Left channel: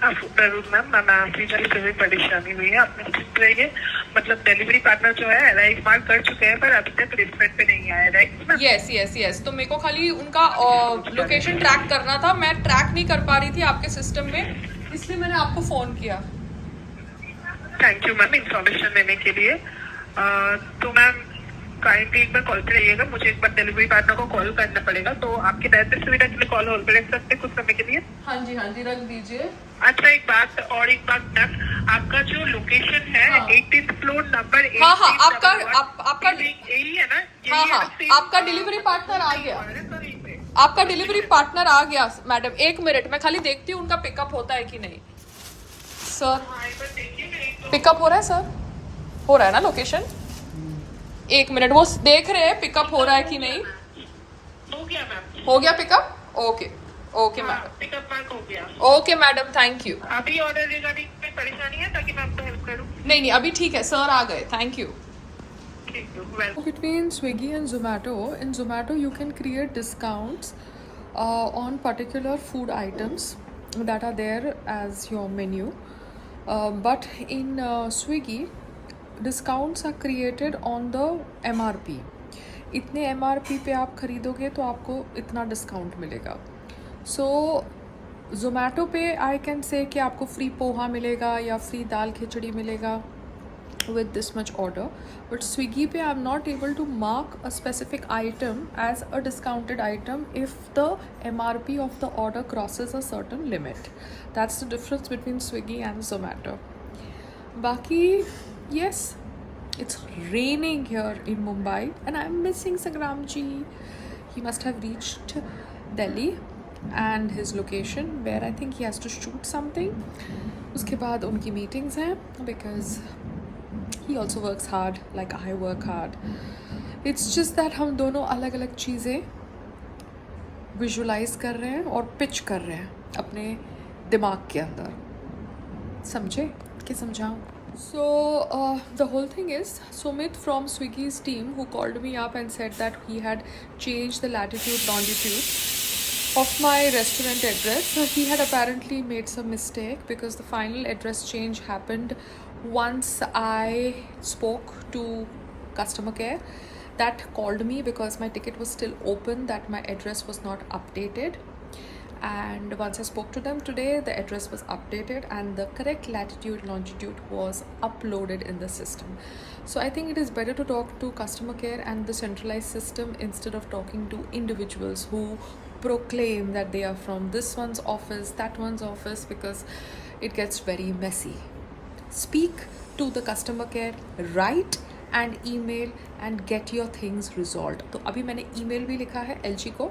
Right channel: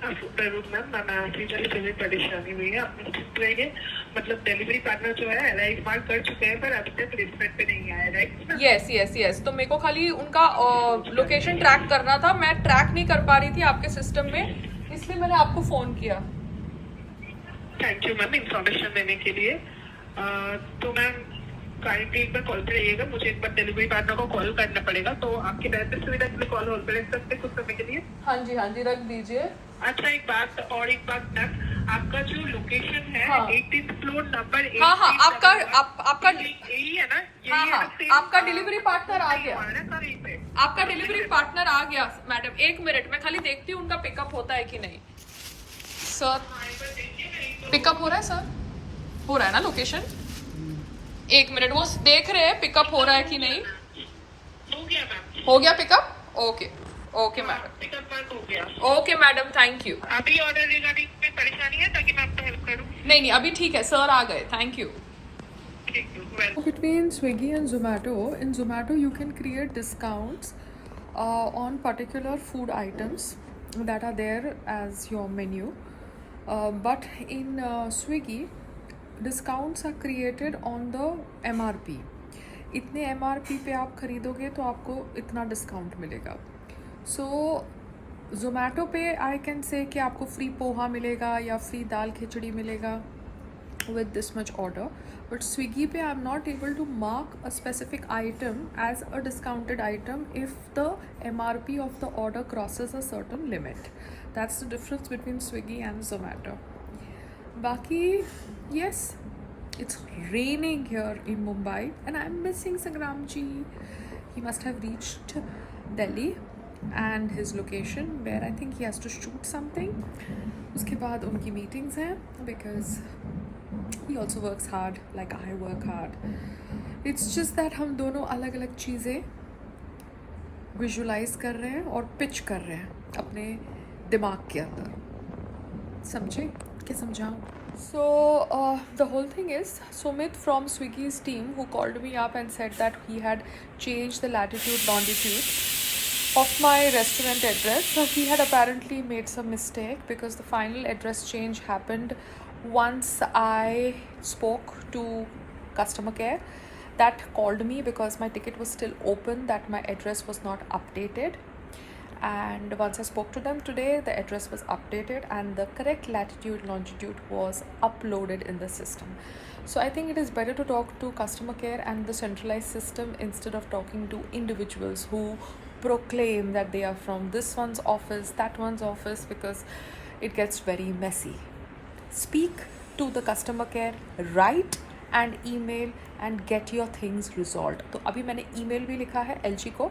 जरूर मैम, मैं आपकी तरफ से भी परेशानी हुई है, आप निश्चिंत रहिए। मतलब डिलीवरी पार्टनर जो है अराइव मार्क कर चुके हैं, पर अभी तक रिस्पेक्ट पे नहीं आया, राइट? यस यस यस, तो मेरे को खाली उनका लोकेशन ट्रैक करना था, मैं ट्रैक नहीं कर पा रही थी आपके सिस्टम में, इसलिए मैंने आपको फोन किया। थैंक यू मैम इंफॉर्मेशन देने के लिए। तो मैम काइंडली एक बार कॉल पे रहिएगा, मुझे एक बार डिलीवरी पार्टनर को कॉल करना पड़ेगा, तो आपके बेहतर सुविधा के लिए कॉल होल्ड पे रख सकते हैं कुछ समय के लिए? हाँ जी रख दीजिए। अच्छा एक बात मैम, आपका जो लोकेशन है हाँ 18th फ्लोर नंबर हाँ हाँ, आपका यही है ना? हाँ यही है हाँ, ना same, आपका डिलीवरी पार्टनर आ गया, सर यहीं पे। आपका डिलीवरी पार्टनर आ गया मैडम। एक मिनट, मैं खाली देखती हूँ उनका पिकअप होता है कि नहीं। सर पिकअप हो रहा है सर? हो रहा है ना लोकेशन? एक मिनट, वो देख रहे हैं पिकअप हो रहा है कि नहीं। हो गया मैम, हो गया pickup? Okay okay madam, pickup mark हो गया। Okay madam, thank you. अभी ऑर्डर रिगार्डिंग में परेशानी है ताकि मैं आपको हेल्प करूँ? नहीं अभी ठीक है, सर आ गए, थैंक यू। ठीक है, welcome. Between Swiggy and Zomato, in Zomato you can create discounts on particular food items that are there as your menu, but in Swiggy discounts are created on the MRP. इतने MRP पे आप खरीदोगे तो आपको इतना discount मिलेगा। सो Zomato पे I can say कि आपको फ्री पोहा मिलेगा या फ्री दाल खिचड़ी मिलेगा with this much order, but Swiggy pe I'm not able to mark a specific item as a discounted item if the MRP of the order crosses a certain limit. That's the difference between Swiggy and Zomato. Baki, yes, it's raining here in Mumbai and I'm missing Sangramji. He must have reached Delhi and his location where I think he has to shoot something. उसके बाद उनकी meetings हैं because he also works hard like I work hard. It's just that हम दोनों अलग अलग चीज़ें visualise कर रहे हैं और पिच कर रहे हैं अपने दिमाग के अंदर, समझे कि समझाऊँ? So the whole thing is Sumit from Swiggy's team who called me up and said that he had changed the latitude longitude of my restaurant address. So he had apparently made some mistake because the final address change happened once I spoke to customer care that called me because my ticket was still open, that my address was not updated, and once I spoke to them today the address was updated and the correct latitude longitude was uploaded in the system. So I think it is better to talk to customer care and the centralized system instead of talking to individuals who proclaim that they are from this one's office, that one's office, because it gets very messy. Speak to the customer care, write and email and get your things resolved. तो अभी मैंने email भी लिखा है LG को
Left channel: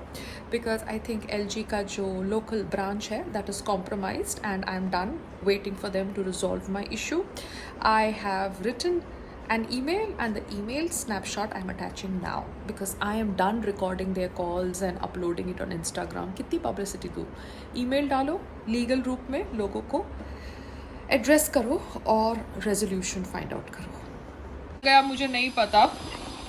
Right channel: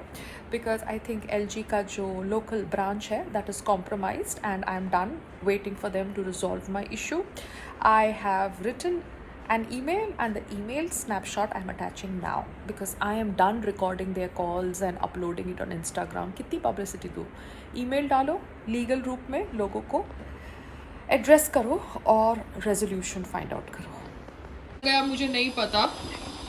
because I think LG का जो local branch है that is compromised and I am done waiting for them to resolve my issue. I have written an email and the email snapshot I'm attaching now because I am done recording their calls and uploading it on Instagram. कितनी publicity दूँ? email डालो legal रूप में लोगों को address करो और resolution find out करो। गया मुझे नहीं पता,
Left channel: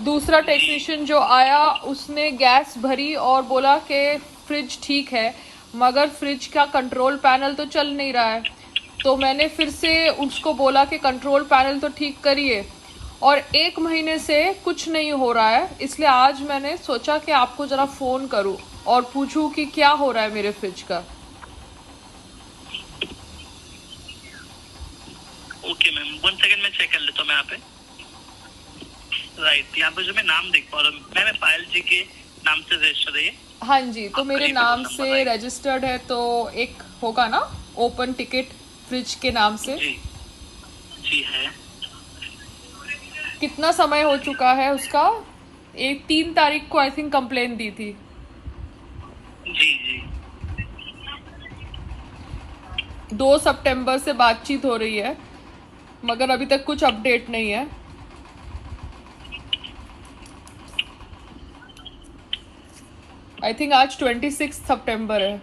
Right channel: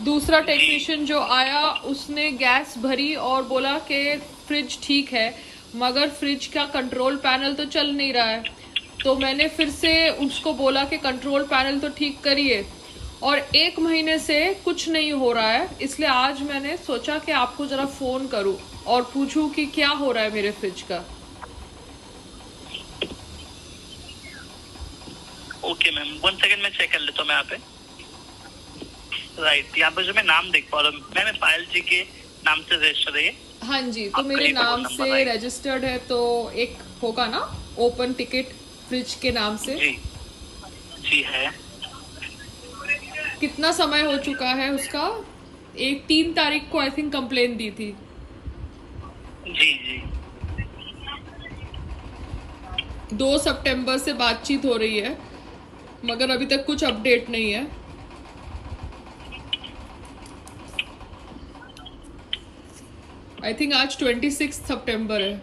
दूसरा टेक्नीशियन जो आया उसने गैस भरी और बोला कि फ्रिज ठीक है मगर फ्रिज का कंट्रोल पैनल तो चल नहीं रहा है, तो मैंने फिर से उसको बोला कि कंट्रोल पैनल तो ठीक करिए और 1 महीने से कुछ नहीं हो रहा है, इसलिए आज मैंने सोचा कि आपको ज़रा फ़ोन करूं और पूछूं कि क्या हो रहा है मेरे फ्रिज का। ओके मैम, 1 सेकंड में चेक कर लेता हूँ मैं यहाँ पे। राइट, यहाँ पे जो मैं नाम देख पा रहा हूँ मैम पायल जी के नाम से रजिस्टर है ये? हाँ जी, तो मेरे नाम से रजिस्टर्ड है, तो एक होगा ना ओपन टिकट फ्रिज के नाम से? जी जी है। कितना समय हो चुका है उसका? 3 तारीख को आई थिंक कंप्लेन दी थी। जी जी 2 सितंबर से बातचीत हो रही है मगर अभी तक कुछ अपडेट नहीं है। आई थिंक आज 26 सितंबर है।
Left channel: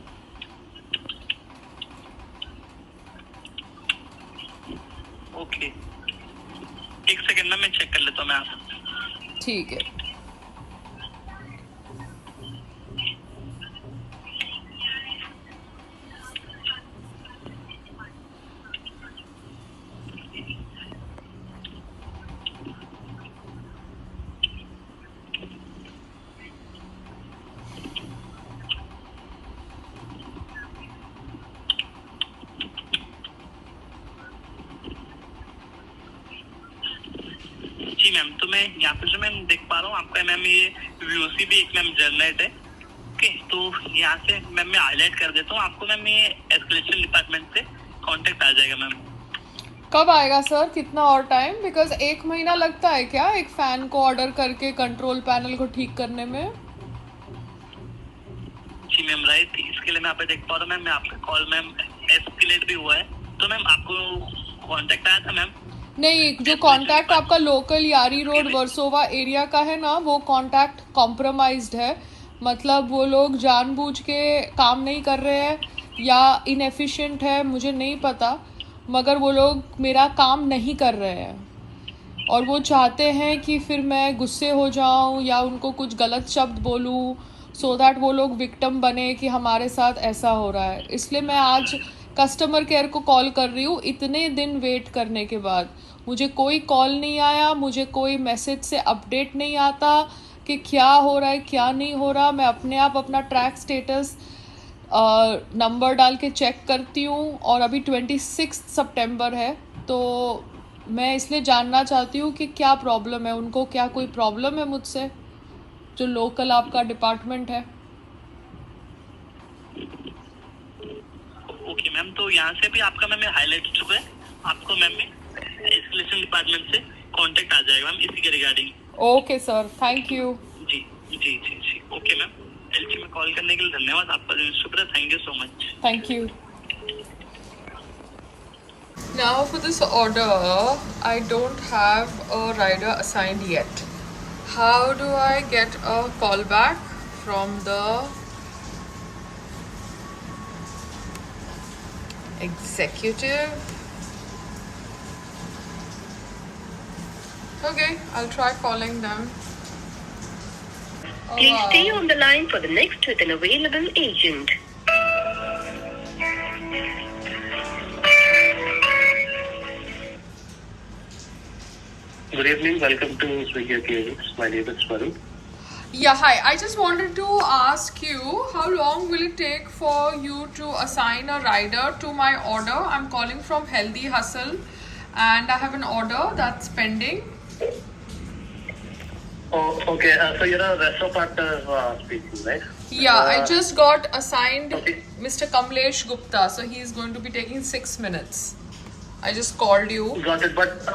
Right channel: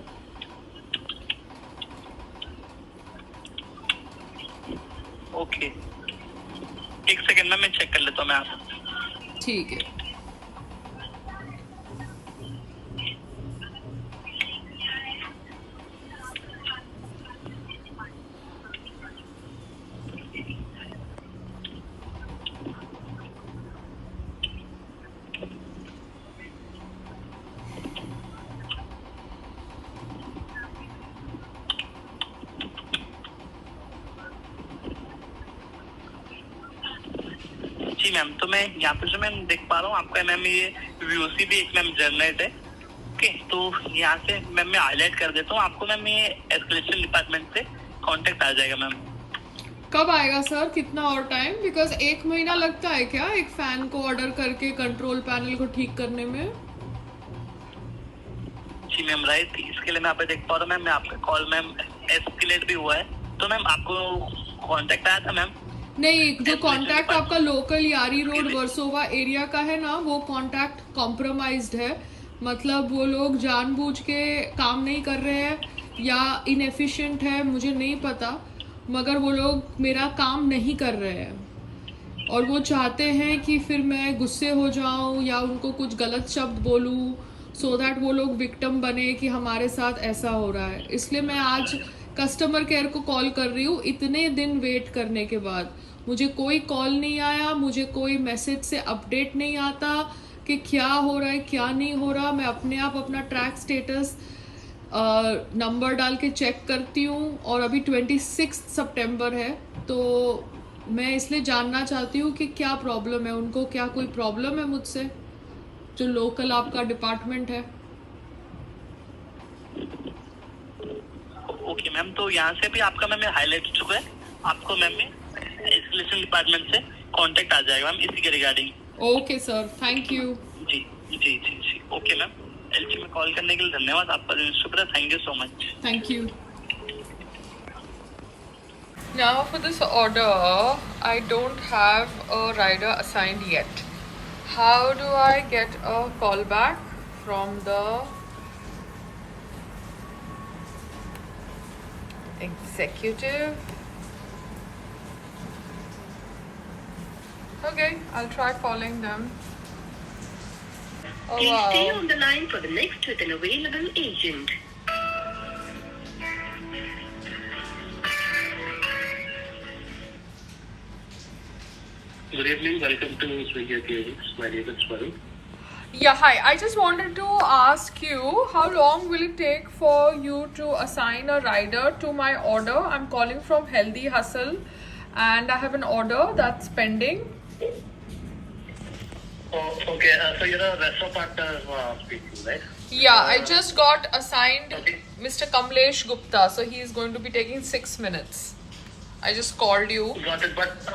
ओके, 1 सेकंड में मैं चेक कर लेता हूँ मैं आप। ठीक है। मैम, तो मैं यहाँ पे जो मैम देख पा रहा हूँ आपका मैम ये वीओसी भी एक मैम जनरेट है। ओके, तो यहाँ से मैम मैं हाईलाइट कर देता हूँ आपको मैम, ये एस्केलेशन डिपार्टमेंट से कांटेक्ट आ जाएगा मैम। कब आएगा सर, कितना और टाइम? बिकॉज 1 महीना लगता है क्या एक फैन को ऑर्डर करके कंट्रोल पैनल को ठीक करने में? जी मैम राइट, इसके लिए मैं यहाँ पे देख पा रहा हूँ मैम, मैं आपका कॉल मैम एस्केलेट भी हुआ है। तो मैम आपको कांटेक्ट आया था मैम? नहीं, जो कांटेक्ट आपका लोकल यारी रोड वर्सोवा एरिया का है ना, वो कांटेक्ट कॉम्प्रोमाइज्ड है। मतलब वो लोग जानबूझ के काम नहीं कर रहे हैं या इनएफिशिएंट है, मुझे नहीं पता, मगर वो लोग मेरा काम नहीं कर रहे हैं और वो चाहते हैं कि फिर मैं गुस्से हो जाऊं या उनको कुछ गलत शब्द बोलूं, सो दैट वो लोग विक्टिम बने कि हमारे साथ ऐसा हो रहा है। इसलिए मैं आज कस्टमर केयर को कॉल कर रही हूँ। इतने दिन वेट करने के बाद मुझे कोई कॉल नहीं आया, मुझे कोई मैसेज से अपडेट नहीं आता कि क्या हो रहा है क्या नहीं हो रहा। मैं अपने आप अपना ट्रैक स्टेटस नंबर डाल के चेक करती हूँ और अभी 26 सितंबर है, तो मैं इसलिए जानना चाहती हूँ कि क्या प्रॉब्लम है उनको, क्या कोई प्रॉब्लम है मुझसे, जो लोकल आपका डिपार्टमेंट है। ओके मैम, तो यहाँ से भी आपका मैम हाईलाइट हो चुका है, आपको मैम में एस्केलेशन डिपार्टमेंट से कांटेक्ट आ जाएगा मैम इसी के regarding. Okay sir, thank you. जी जी जी जी, ओके मैम। एलजी में कॉल करने के लिए धन्यवाद, आपका दिन शुभ रहे। Thank you so much. Thank you. Now for this order, I don't have a rider assigned yet. How do I get a call back from the executive? Okay, I'll try calling them. Oh, Please wow. stay on the line for the next with an available agent. Good evening. Welcome to Swiggy KX. My name is Swaru. Yeah, hi. I just wanted to ask you, how long will it take for you to assign a rider to my order? I'm calling from Healthy Hustle and I have an order that's pending. Oh, okay. So you're a restaurant partner speaking, right? Yeah, I just got assigned Okay. Mr. Kamlesh Gupta, so he's going to be taking 6 minutes. I just called you. Got it. But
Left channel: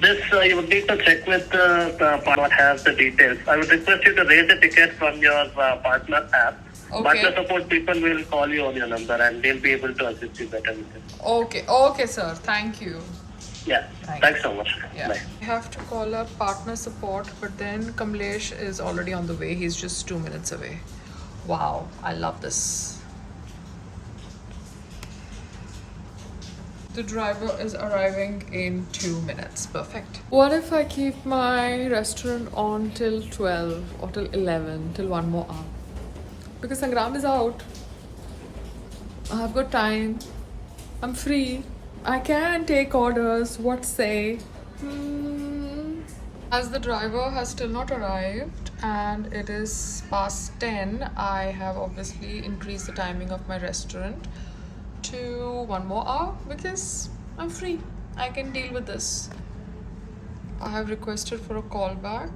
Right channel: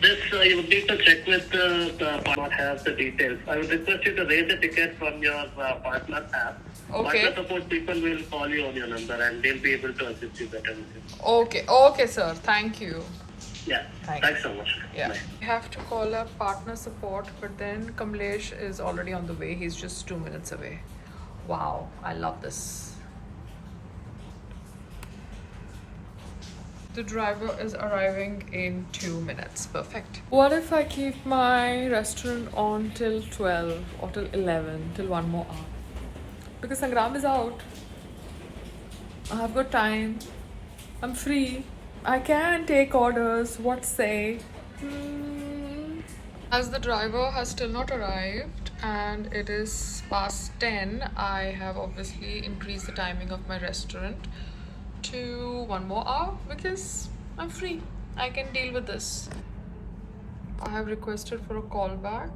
this you would need to check with the partner has the details. I would request you to raise the ticket from your partner app. Okay. Partner support people will call you on your number and they'll be able to assist you better with it. Okay, sir. Thank you. Yeah. Thanks so much. Yeah. Bye. I have to call up partner support, but then Kamlesh is already on the way. He's just 2 minutes away. Wow, I love this. The driver is arriving in 2 minutes. Perfect. What if I keep my restaurant on till 12 or till 11, till 1 more hour? Because Sangram is out. I've got time. I'm free. I can take orders. What say? As the driver has still not arrived and it is past 10, I have obviously increased the timing of my restaurant to 1 more hour because I'm free. I can deal with this. I have requested for a call back.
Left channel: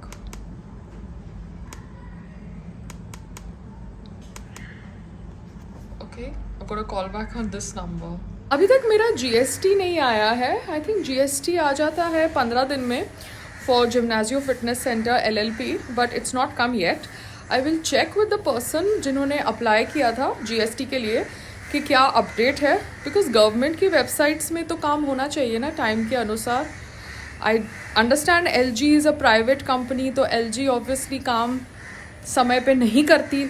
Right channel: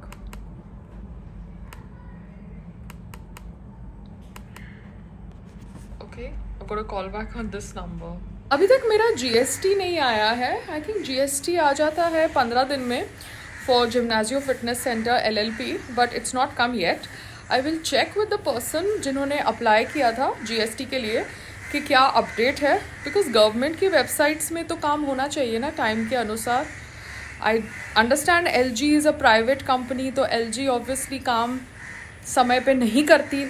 Okay, I've got a call back on this number. अभी तक मेरा GST नहीं आया है. I think GST आ जाता है 15 दिन में for Gymnazio fitness centre LLP, but it's not come yet. I will check with the person जिन्होंने अप्लाई किया था GST के लिए कि क्या अपडेट है, बिकॉज गवर्नमेंट की वेबसाइट्स में तो काम होना चाहिए ना टाइम के अनुसार. I understand LG is a private company, तो LG ऑब्वियसली काम समय पे नहीं करती,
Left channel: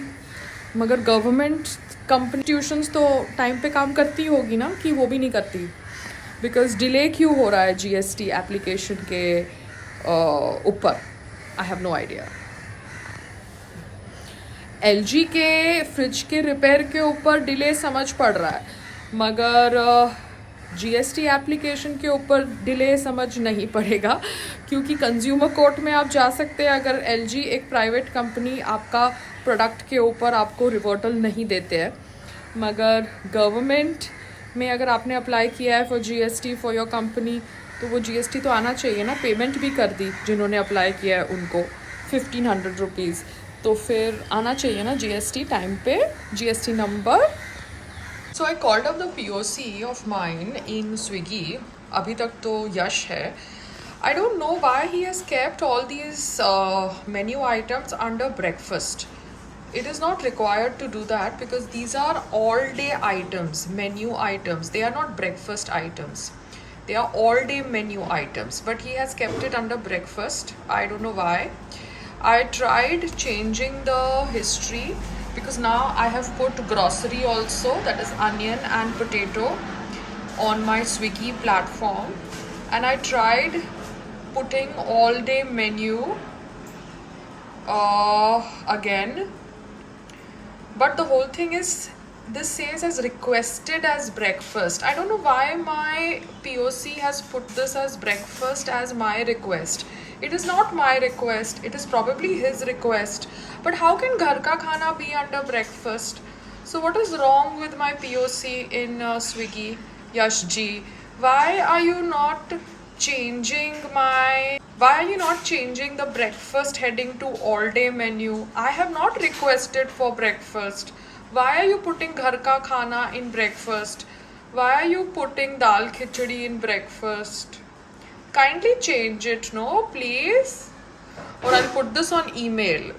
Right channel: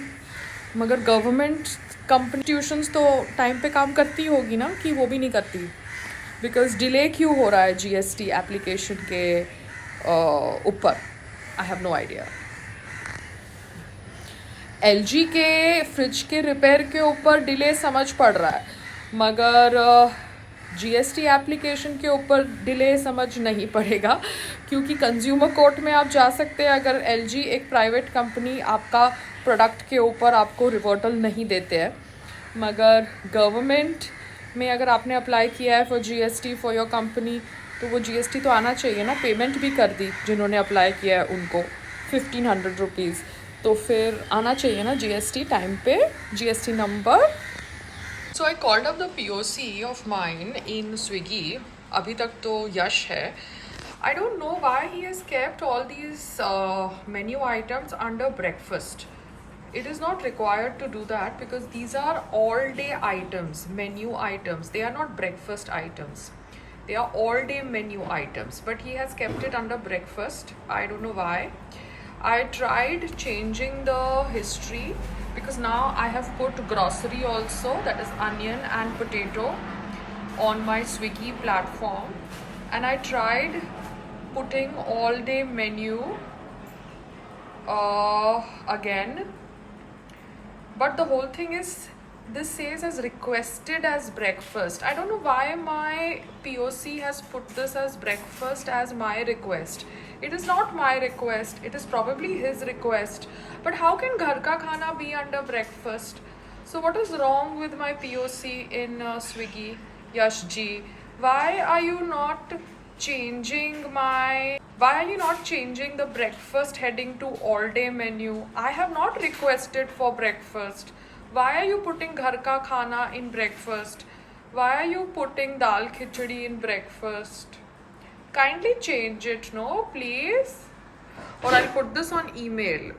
मगर गवर्नमेंट कंपनी ट्यूशन्स तो टाइम पे काम करती होगी ना, कि वो भी नहीं करती. बिकॉज डिले क्यों हो रहा है GST एप्लीकेशन के ऊपर, I have no idea. LG के फ्रिज के रिपेयर के ऊपर डिले समझ पड़ रहा है, मगर GST एप्लीकेशन के ऊपर डिले समझ नहीं पड़ेगा, क्योंकि कंज्यूमर कोर्ट में आप जा सकते हैं अगर LG एक प्राइवेट कंपनी आपका प्रोडक्ट के ऊपर आपको रिवर्टल नहीं देते हैं. मगर गवर्नमेंट में अगर आपने अप्लाई किया है for GST for your company, तो वो GST तो आना चाहिए ना, पेमेंट भी कर दी जिन्होंने अप्लाई किया है उनको 1500 रुपीज़, तो फिर आना चाहिए ना GST टाइम पे, GST number. So I called up the POC of mine in Swiggy. अभी तक तो यश है. I don't know why he has kept all these menu items under breakfast. It is not required to do that because these are all day items, menu items. They are not breakfast items. They are all day menu items. But he has kept it under breakfast. I don't know why. I tried changing the history because now I have put grocery also, that is onion and potato, on my Swiggy platform. And I tried putting all day menu again, but the whole thing is this says as requested as breakfast. I don't know why my POC has put this as breakfast as my request. It is not my request, it is probably his request. But how can ghar ka khana be under breakfast? So what is wrong with my POC in Swiggy? Yash ji, why are you not changing the breakfast heading to all day menu? I have not requested for breakfast. Why are you putting ghar ka khana in breakfast? Why are you putting dal khichdi in breakfast? Kindly change it, no, please. Or I'll put this on email.